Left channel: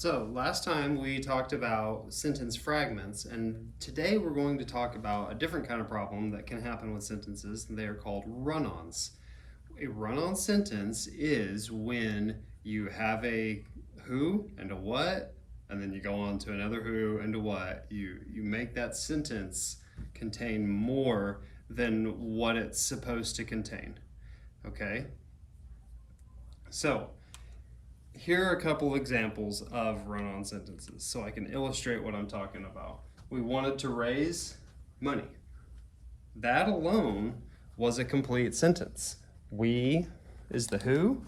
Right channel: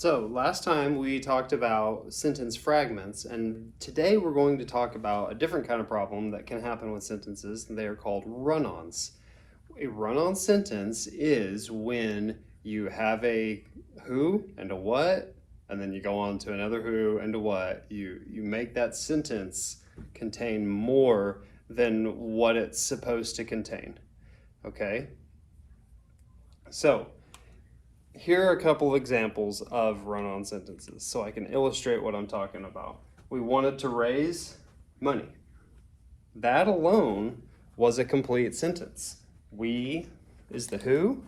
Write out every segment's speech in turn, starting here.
So last time we talked about sentence fragments, and today we're going to talk about a different kind of problem that can happen with sentences, and they are called run-ons. A run-on sentence is when you have a who and a what, and then you go on to another who and a what. You make that sentence contain more than what it's supposed to contain. Okay? So here are a couple of examples of run-on sentences so I can illustrate what I'm talking about. We wanted to raise money. That alone was a complete sentence. We is the who.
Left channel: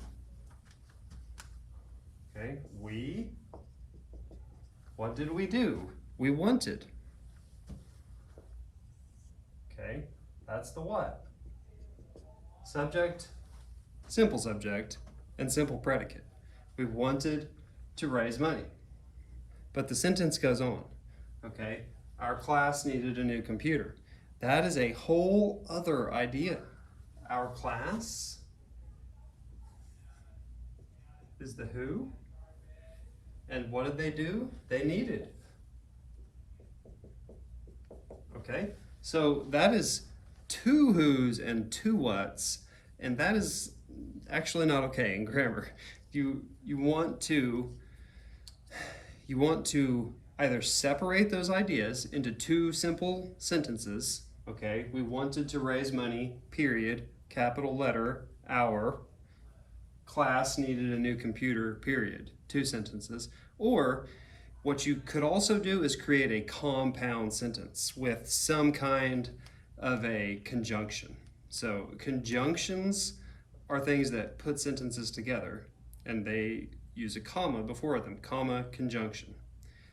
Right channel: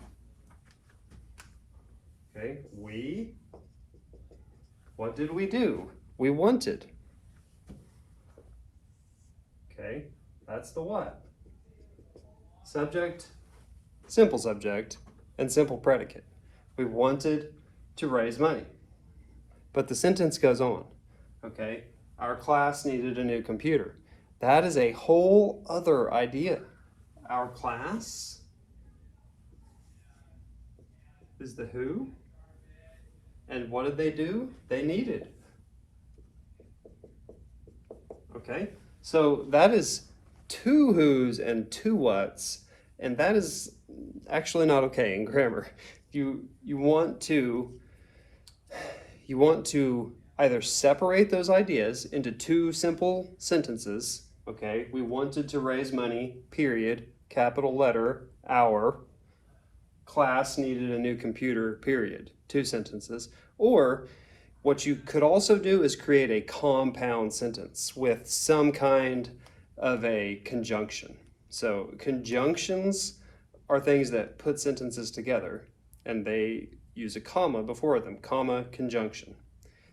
Okay, we. What did we do? We wanted. Okay, that's the what. Subject, simple subject, and simple predicate. We wanted to raise money. But the sentence goes on, okay? Our class needed a new computer. That is a whole other idea. Our class is the who. And what did they do? They needed. Okay? So that is two who's and two what's, and that is actually not okay in grammar. You want to either separate those ideas into two simple sentences. Okay, we wanted to raise money, period, capital letter, our, class needed a new computer, period, two sentences. Or what you could also do is create a compound sentence with some kind of a conjunction. So conjunctions are things that put sentences together, and they use a comma before them, comma, conjunction.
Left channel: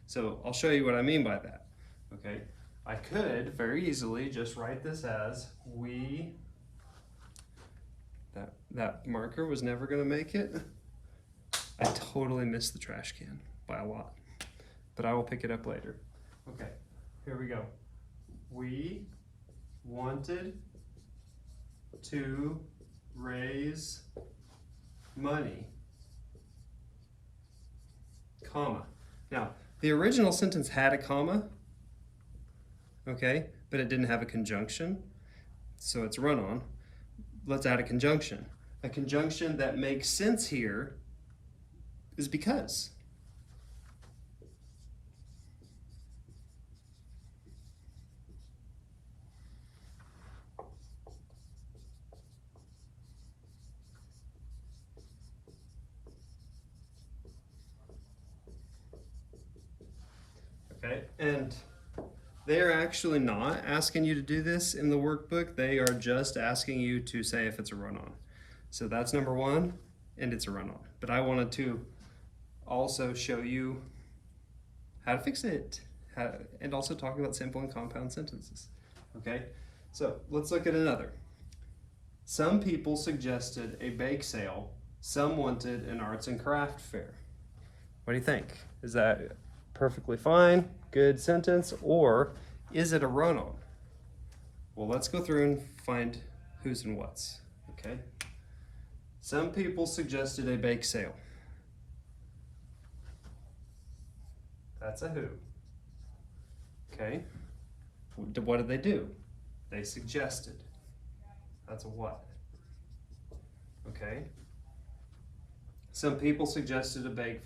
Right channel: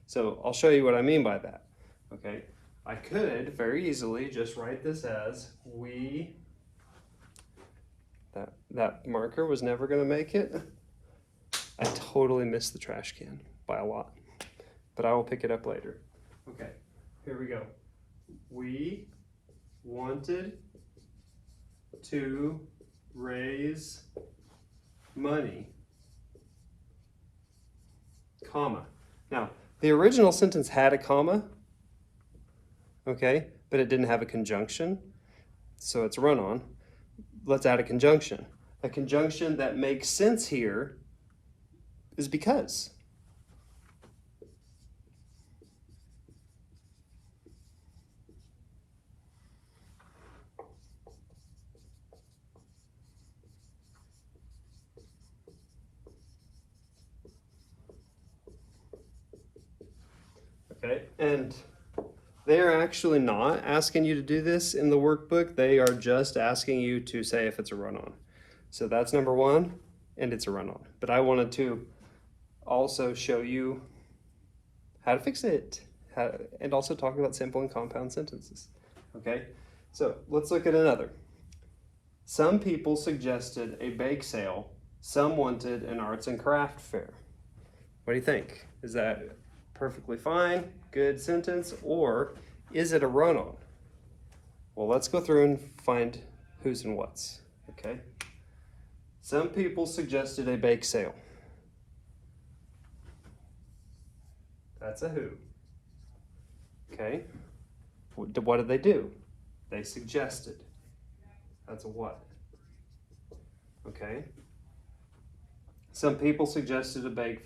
So I'll show you what I mean by that, okay? I could very easily just write this as we, that marker was never gonna make it. I totally missed the trash can by a lot, but I will pick it up later. Okay, here we go. We wanted to raise money, comma. Now, the original sentence had a comma, okay, but it didn't have a conjunction, so it's a run-on. Let's add a conjunction. A conjunction that makes sense here is because. Okay, and they are actually not asking you to do this in the workbook. They are just asking you to say if it's a run-on. So that's number one, and it's a run-on. But I wanted to also show you how to fix it, and also talk about simple and compound sentences. Okay, so let's look at another. Some people suggested a bake sale. Some wanted an arts and craft fair. What do you think? Is that perfectly fine, good sentence, or is it a run-on? Well, let's go through and find who's and what's, okay? Some people suggested a bake sale. That's a who. Okay, what did they do? They suggested. That's a what. Okay. Some people suggested a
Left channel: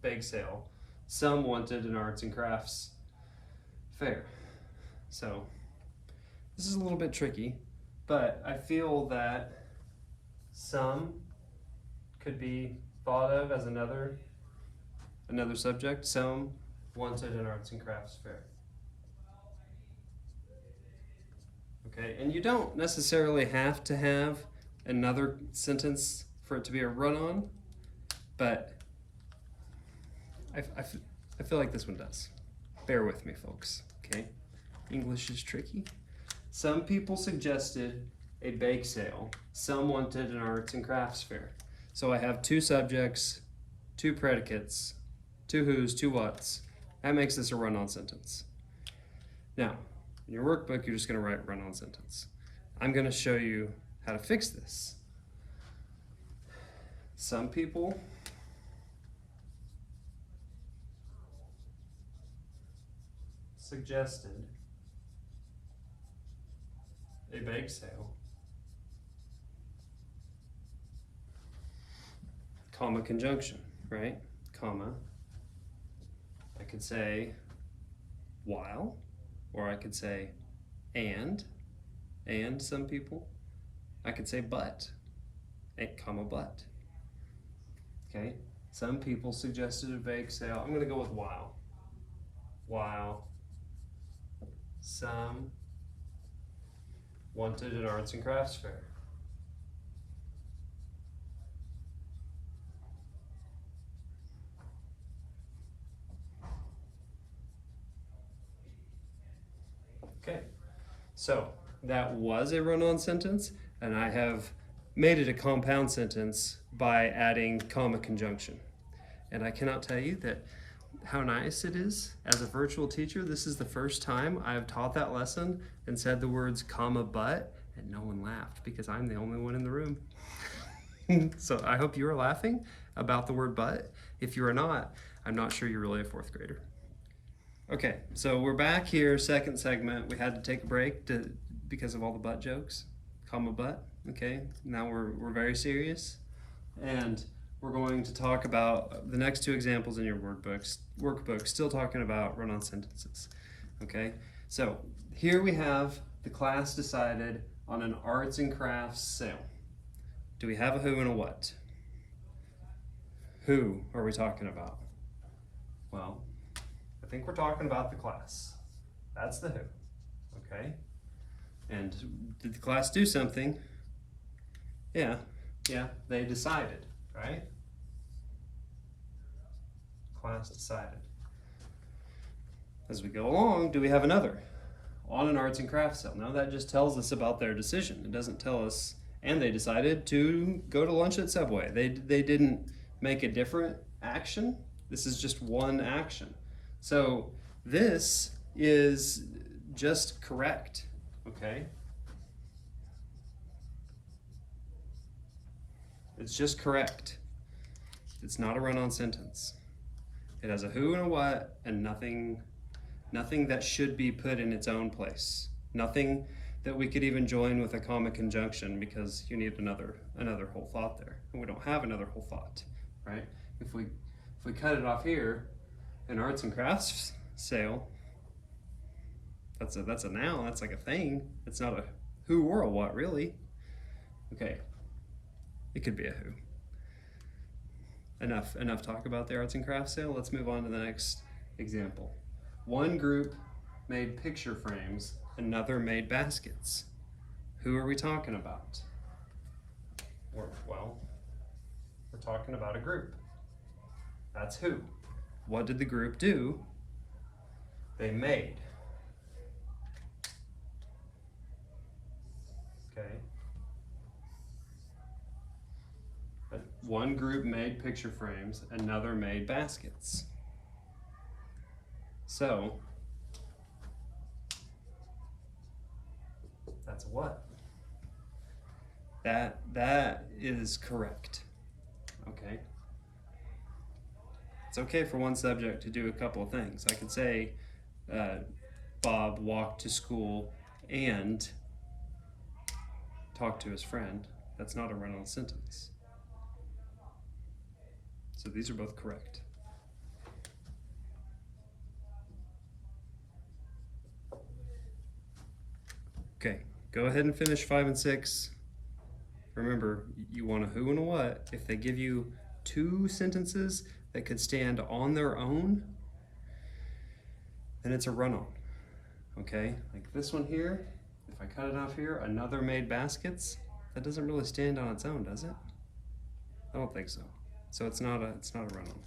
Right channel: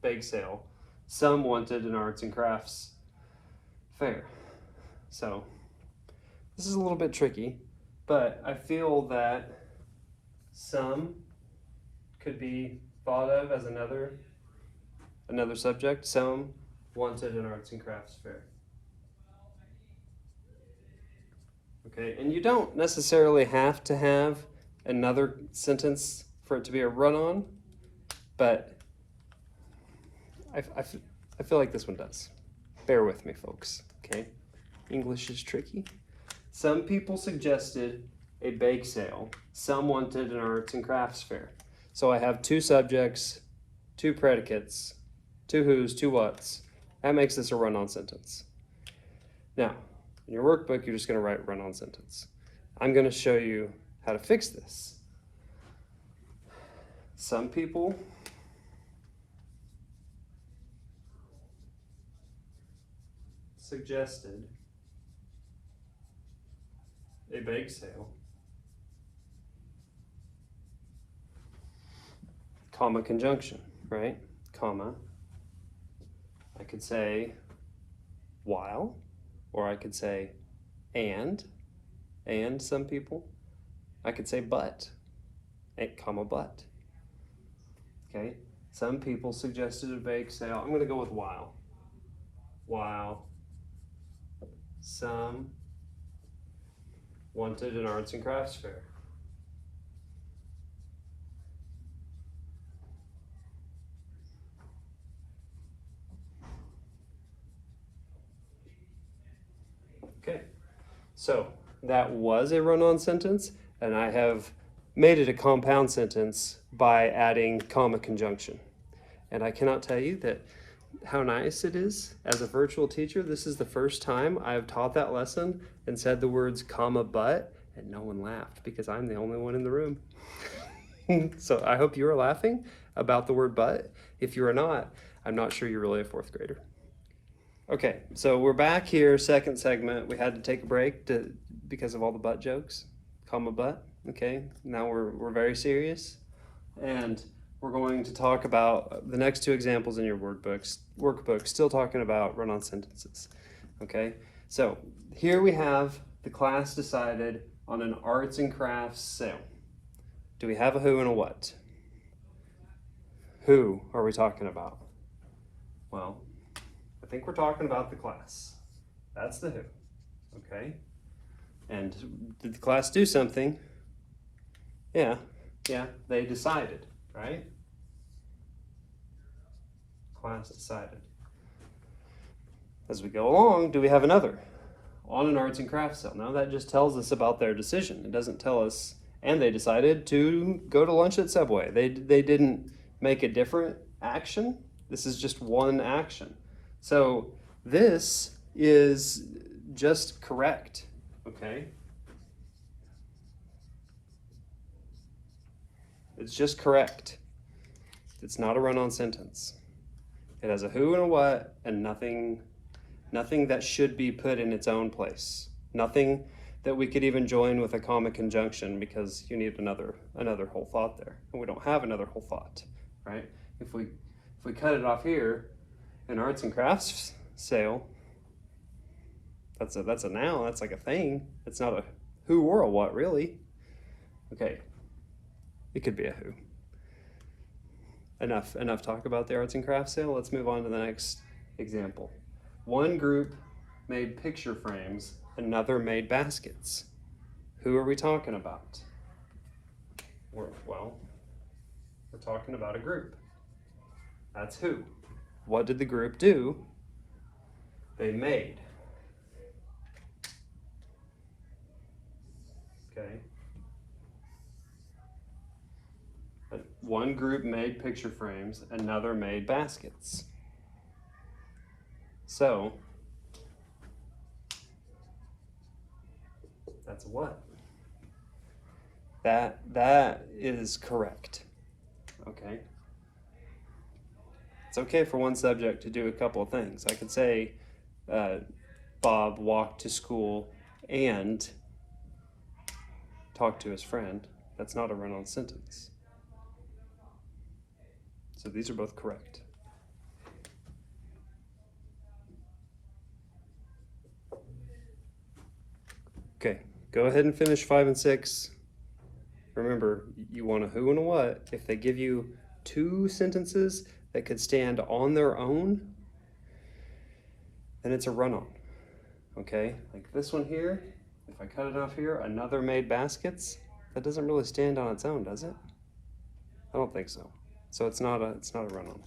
bake sale. Some wanted an arts and crafts fair. So this is a little bit tricky, but I feel that some could be thought of as another subject. Some wanted an arts and crafts fair. Okay, and you don't necessarily have to have another sentence for it to be a run-on, but I feel like this one does. Bear with me, folks, okay? English is tricky. Some people suggested a bake sale. Some wanted an arts and crafts fair. So I have two subjects, two predicates, two who's, two what's. That makes this a run-on sentence. Now, in your workbook, you're just gonna write run-on sentence. I'm gonna show you how to fix this. Some people suggested a bake sale, comma conjunction, right? Comma. I could say while, or I could say and some people. I could say but, comma but. Okay, some people suggested a bake sale. I'm gonna go with while. While some wanted an arts and crafts fair. Okay, so that was a run-on sentence, and I have made it a compound sentence by adding comma conjunction. And I cannot tell you that how nice it is as a virtual teacher. This is the first time I have taught that lesson and said the words comma but, and no one laughed because I'm the only one in the room. So I hope you are laughing about the word but. If you are not, I'm not sure you're really a fourth grader. Okay, so we're back here, second segment. We had to take a break because of all the butt jokes, comma but. Okay, now we're very serious, and we're going to talk about the next two examples in your workbook, still talking about run-on sentences. Okay, so here we have the class decided on an arts and crafts sale. Do we have a who and a what? Who are we talking about? Well, I think we're talking about the class. That's the who, okay? And did the class do something? Yeah, they decided, right? Class decided. As we go along, do we have another? On an arts and crafts sale. No, that just tells us about their decision. It doesn't tell us, and they decided to go to lunch at Subway. They didn't make a different action. This is just one action. So this is just correct, okay? It's just correct. It's not a run-on sentence. It has a who and a what and nothing that should be put in its own place. Nothing that we could even join with a comma conjunction because you need another whole thought there. And we don't have another whole thought, right? If we cut it off here, an arts and crafts sale, that's a noun, that's like a thing. It's not a who or a what, really. Okay, it could be a who. Enough talk about the arts and crafts sale. Let's move on to the next example. One group made picture frames, another made baskets. Who are we talking about? We're talking about a group. That's who. What did the group do? They made. Okay. One group made picture frames, another made baskets. So, that's a what? That is correct. Okay. It's okay for one subject to do a couple of things. I could say Bob walked to school and talked to his friend. That's not a run-on sentence. So these are both correct. Okay, go ahead and finish 5 and 6. Remember, you want a who and a what. If they give you two sentences that could stand on their own, then it's a run-on. Okay, like this one here, if I cut it off here, another made baskets, that doesn't really stand on its own, does it? I don't think so. So it's not a run-on.